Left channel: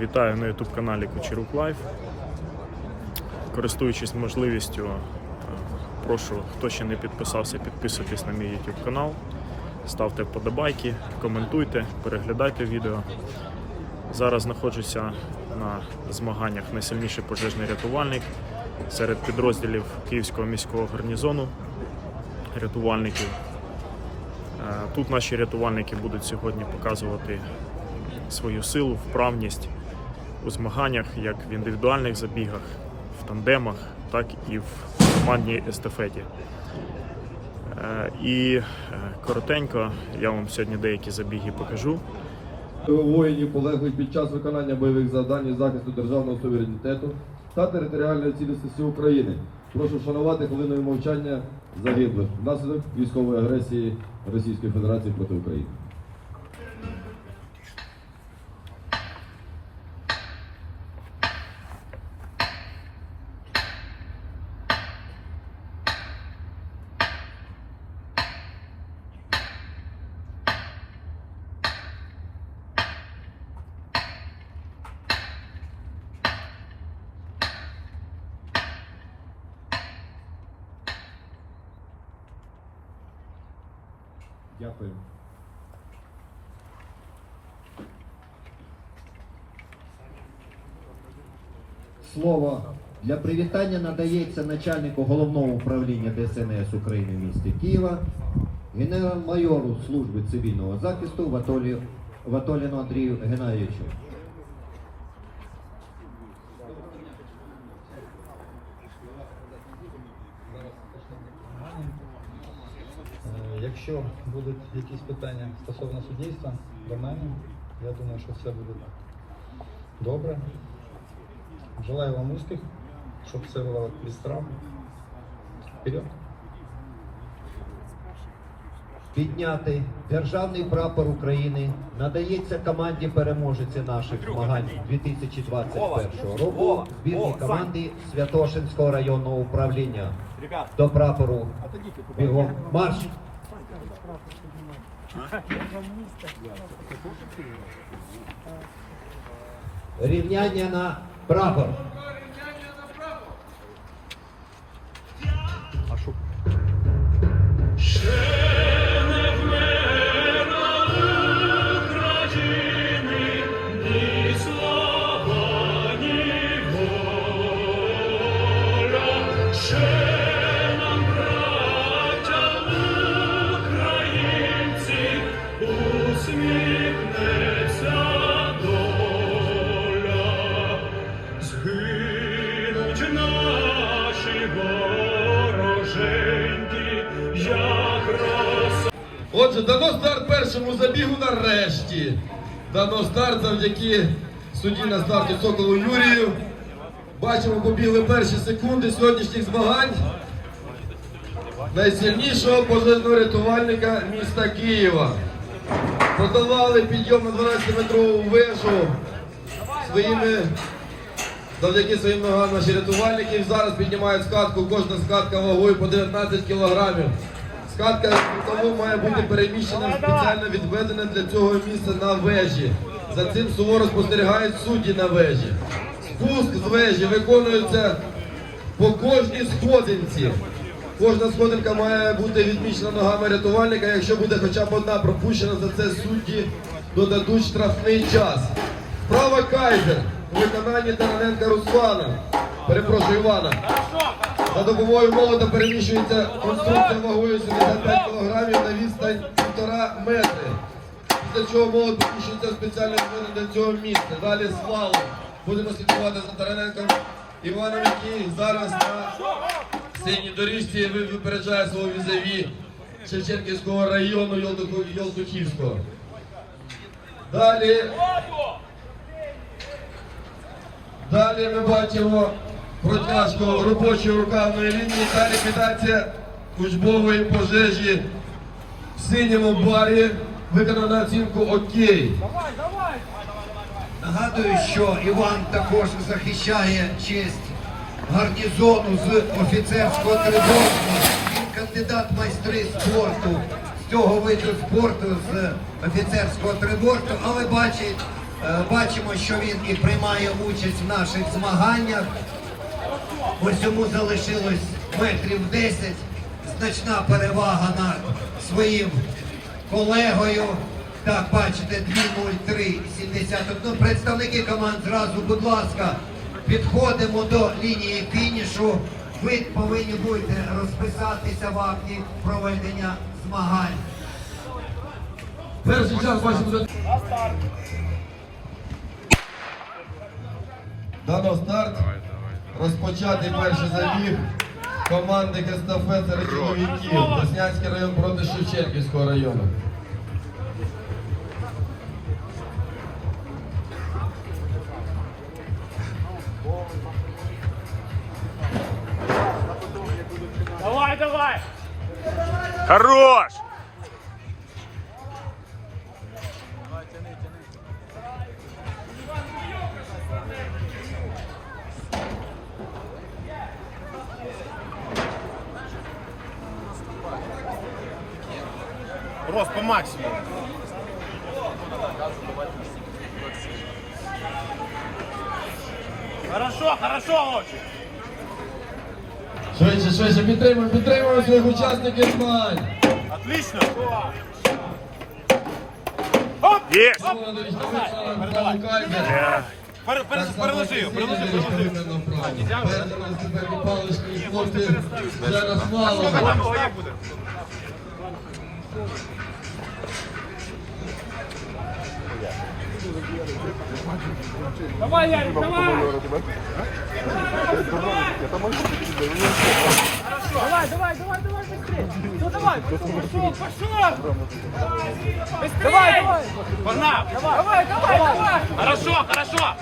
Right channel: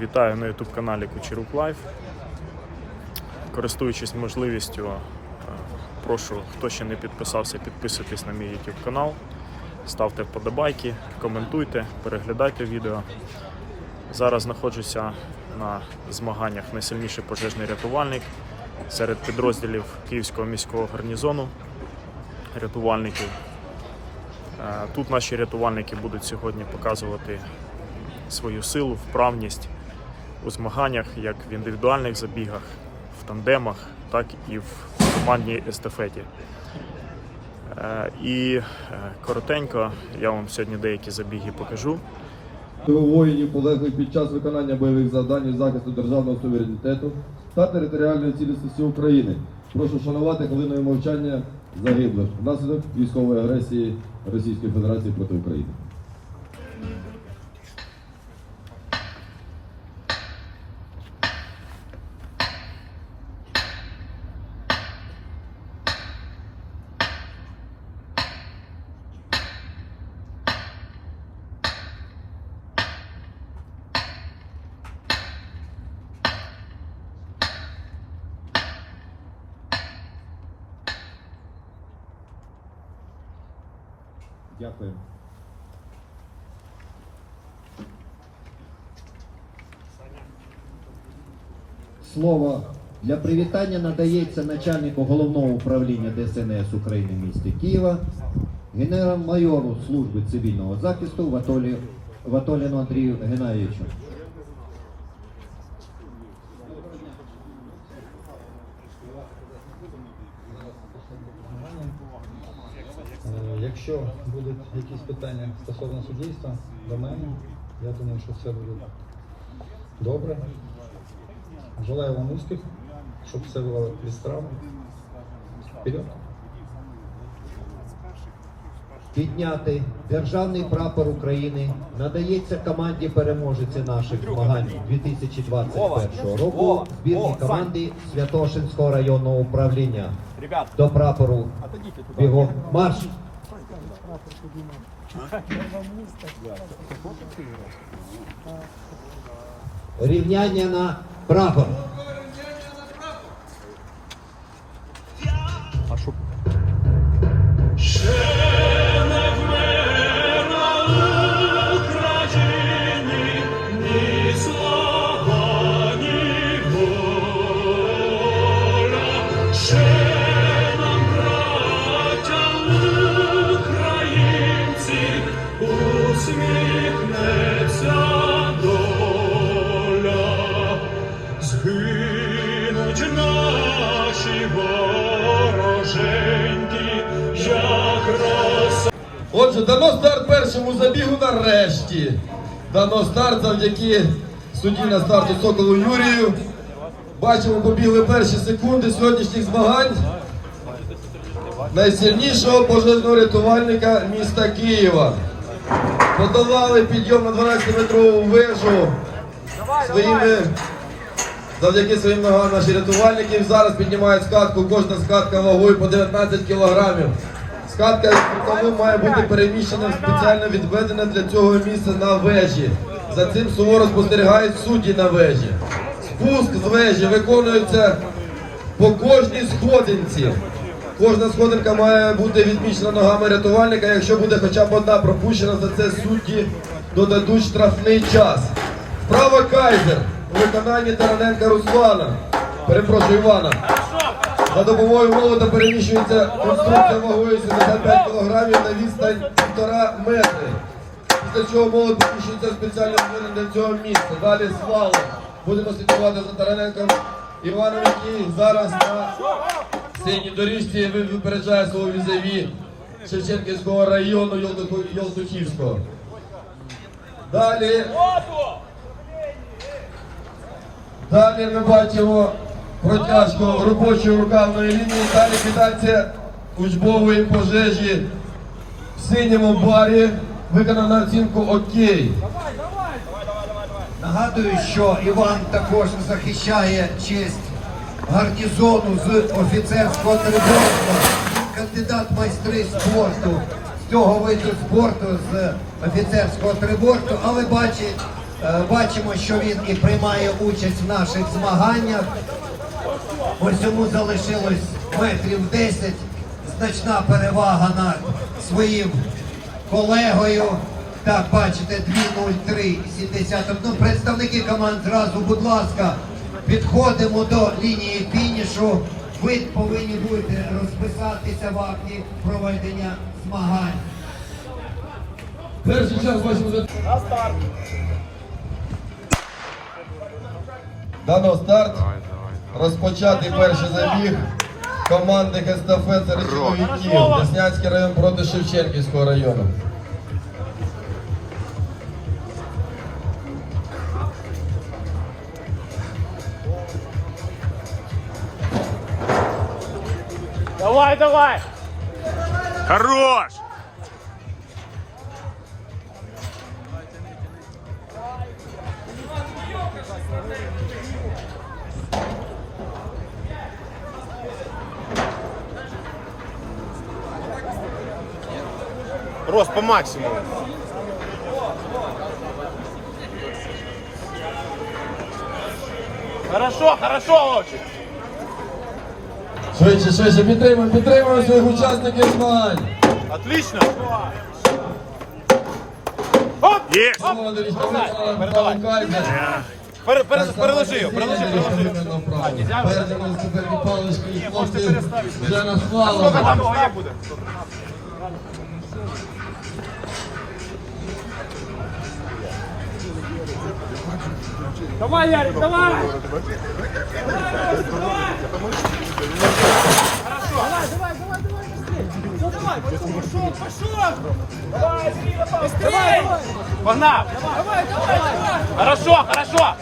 Вітаю на YouTube каналі Кучерук Лайф. Користуючись можливістю, е, прошу, хто ще не підписався, підписуйтесь на мій YouTube канал, ставте вподобайки, коментуйте, переглядайте відео. Зараз знаходжуся на змаганнях найсильніший пожежний рятувальник серед підрозділів Київського міського гарнізону рятувальників. Е, Тут наші рятувальники будуть сьогодні показувати свою силу, вправність у змаганнях, як в індивідуальних забігах, в тандемах, так і в командній естафеті. Е, І е, коротенько я вам сьогодні деякі забіги покажу. воїнів полеглих під час виконання бойових завдань захисту державного суверенітету та територіальної цілісності України. Прошу шанувати хвилиною мовчання загиблих внаслідок військової агресії Російської Федерації проти України. Дякую. Слово для привітання надається начальнику головного управління ДСНС України в місті Києва, генерал-майору служби цивільного захисту Ватолі, Ватоліну Андрію Геннадійовичу. Якщо будуть якісь питання стосовно суддівства до мене, я думаю, що все буде добре. Желаю вам успіх, щоб все було без травм. Вперед! Підняти державний прапор України надається команді переможеці наших змагань 2021 року збірній команді Святошинського районного управління. До прапору бігом марш! Рівняння на прапор. Усміхнеться доля, згинуть наші вороженьки. Отже, дано старт першому забігу нарешті. Дано старт завдяки судді на старті Соколу Юрію. Бачимо, побігли перші секунди сьогоднішніх змагань. Найсильнішого пожежного рятувальника міста Києва. Подолали підйом на 12-метрову вежу своїми, завдяки своїм ногам наші рятувальники. Зараз піднімають скатку, кожна скатка вагою по 19 кілограмів. Скатка тому має бути переміщена спеціально відведене для цього місце на вежі. За цим суворо спостерігають судді на вежі. Спуск з вежі виконується по кожній сходинці. Кожна сходинка має бути відмічена ногами рятувальника. Якщо буде хоча б одна пропущена, за це судді додадуть штрафний час. Вправа Кайзер у виконанні Тараненка Руслана. Перепрошую Івана. За допомогою молота переміщується конструкція вагою 75 кг на відстань 1,5 метри. Після чого молот переміщується спеціально для цього місця. Далі слалом. Будемо слідкувати за Тараненком Іваном, який зараз на синій доріжці ви- випереджає свого візаві Шевченківського району Йолдухівського. Далі. Далі ми бачимо протяжку робочої рукавної лінії. Далі кидається учбової пожежі в синьому барі. Виконано на оцінку окей. Нагадую, що Іван також захищає честь гарнізону з офіцерського трибунства, кандидат майстри спорту цього виду спорту з офіцерського трибунства, але Е, Бачимо, що він і приймає участь в наших змаганнях. Ось йому залишилось метрів 10. Значна перевага над своїм колегою. Так, бачите, 2.03.71. Представники команд зразу, будь ласка, підходимо до лінії фінішу. Ви повинні будете розписатися в акті проведення змагань. Перший час бачимо за Дано старт. Розпочатий перший забіг команди естафет серед чоловіків. Деснянський район проти Шевченківського району. Давай, давай! Хорош! Рост по максимуму. Хорошо, хорошо, Ловчик! Швидше, швидше, підтримуємо, підтримуємо своїх учасників змагань. Отлично! Пере- пере- Переложи його, переложи його. Перед розтеперні палички і хлопці вже розхвалили. Як буде? Давай, Ярик, давай! Давай, давай, давай, давай, быстрее! Ну давай, пошел, пошел! Давай, быстрее! Погнал! Давай, давай, давай! Хорошо, хорошо!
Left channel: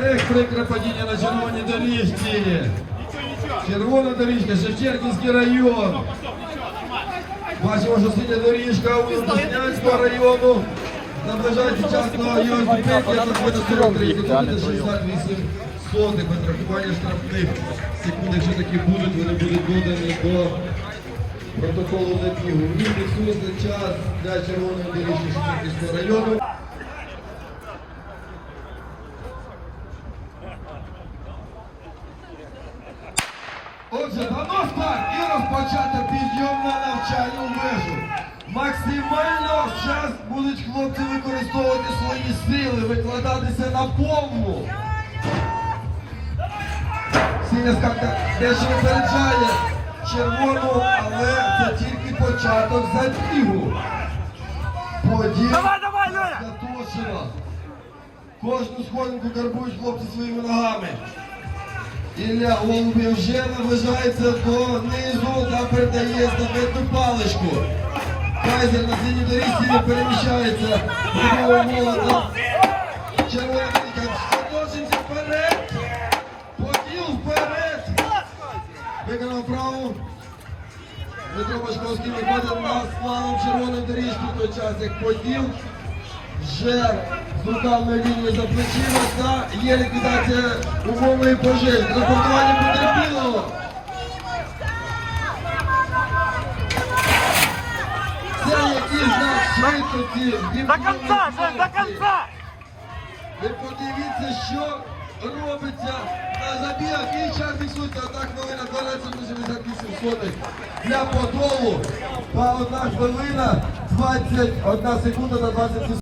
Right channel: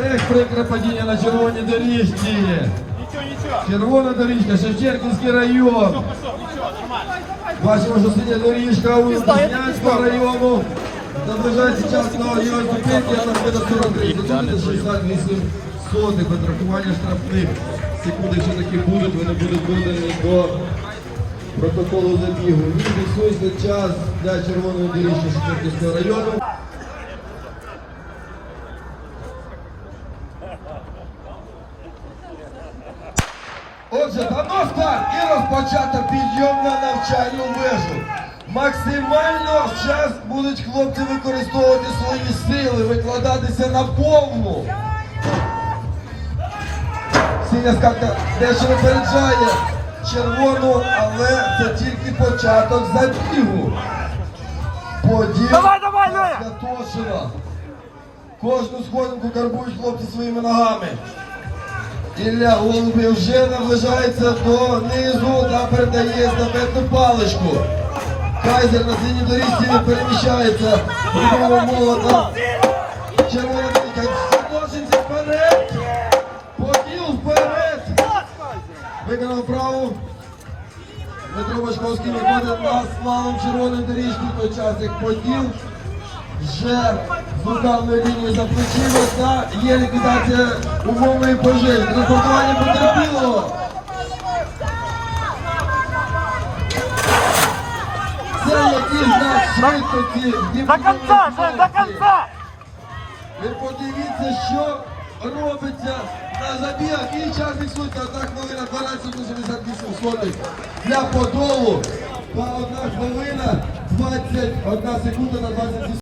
Ех, прикре падіння на червоній доріжці. Ничего, ничего! Червона доріжка, Шевченківський район. Бачимо, що синя доріжка у Деснянського району. Наближається час на його зупинки, буде 43 секунди, 68 сотих отрахування штрафних. Секунди, що такі будуть, вони будуть додані до протоколу забігу. Він фіксується час для червоної доріжки Шевченківського району. Отже, дамо старт і розпочато підйом на навчальну вежу. Максимально час будуть хлопці використовувати свої сили, викладатися на повну. Синя скатка дещо випереджає червону, але це тільки початок забігу. Поділ Святошина. Кожну сходинку карбують хлопці своїми ногами. Ілля Голубів вже наближається до низу та передає естафетну паличку. Кайзер на синій доріжці не переміщається. Прибула червоної доріжки. В той час як поділ вже з ударної лінії заключилось та є ліквідація умовної пожежі. Репортування потерпіло. Це який знак швидкості. До конца, до конца! Ви подивіться, що робиться на забігах. І час фіксується. Одна хвилина 12 88 сотих для подолу. Та одна хвилина 21 секунда на 27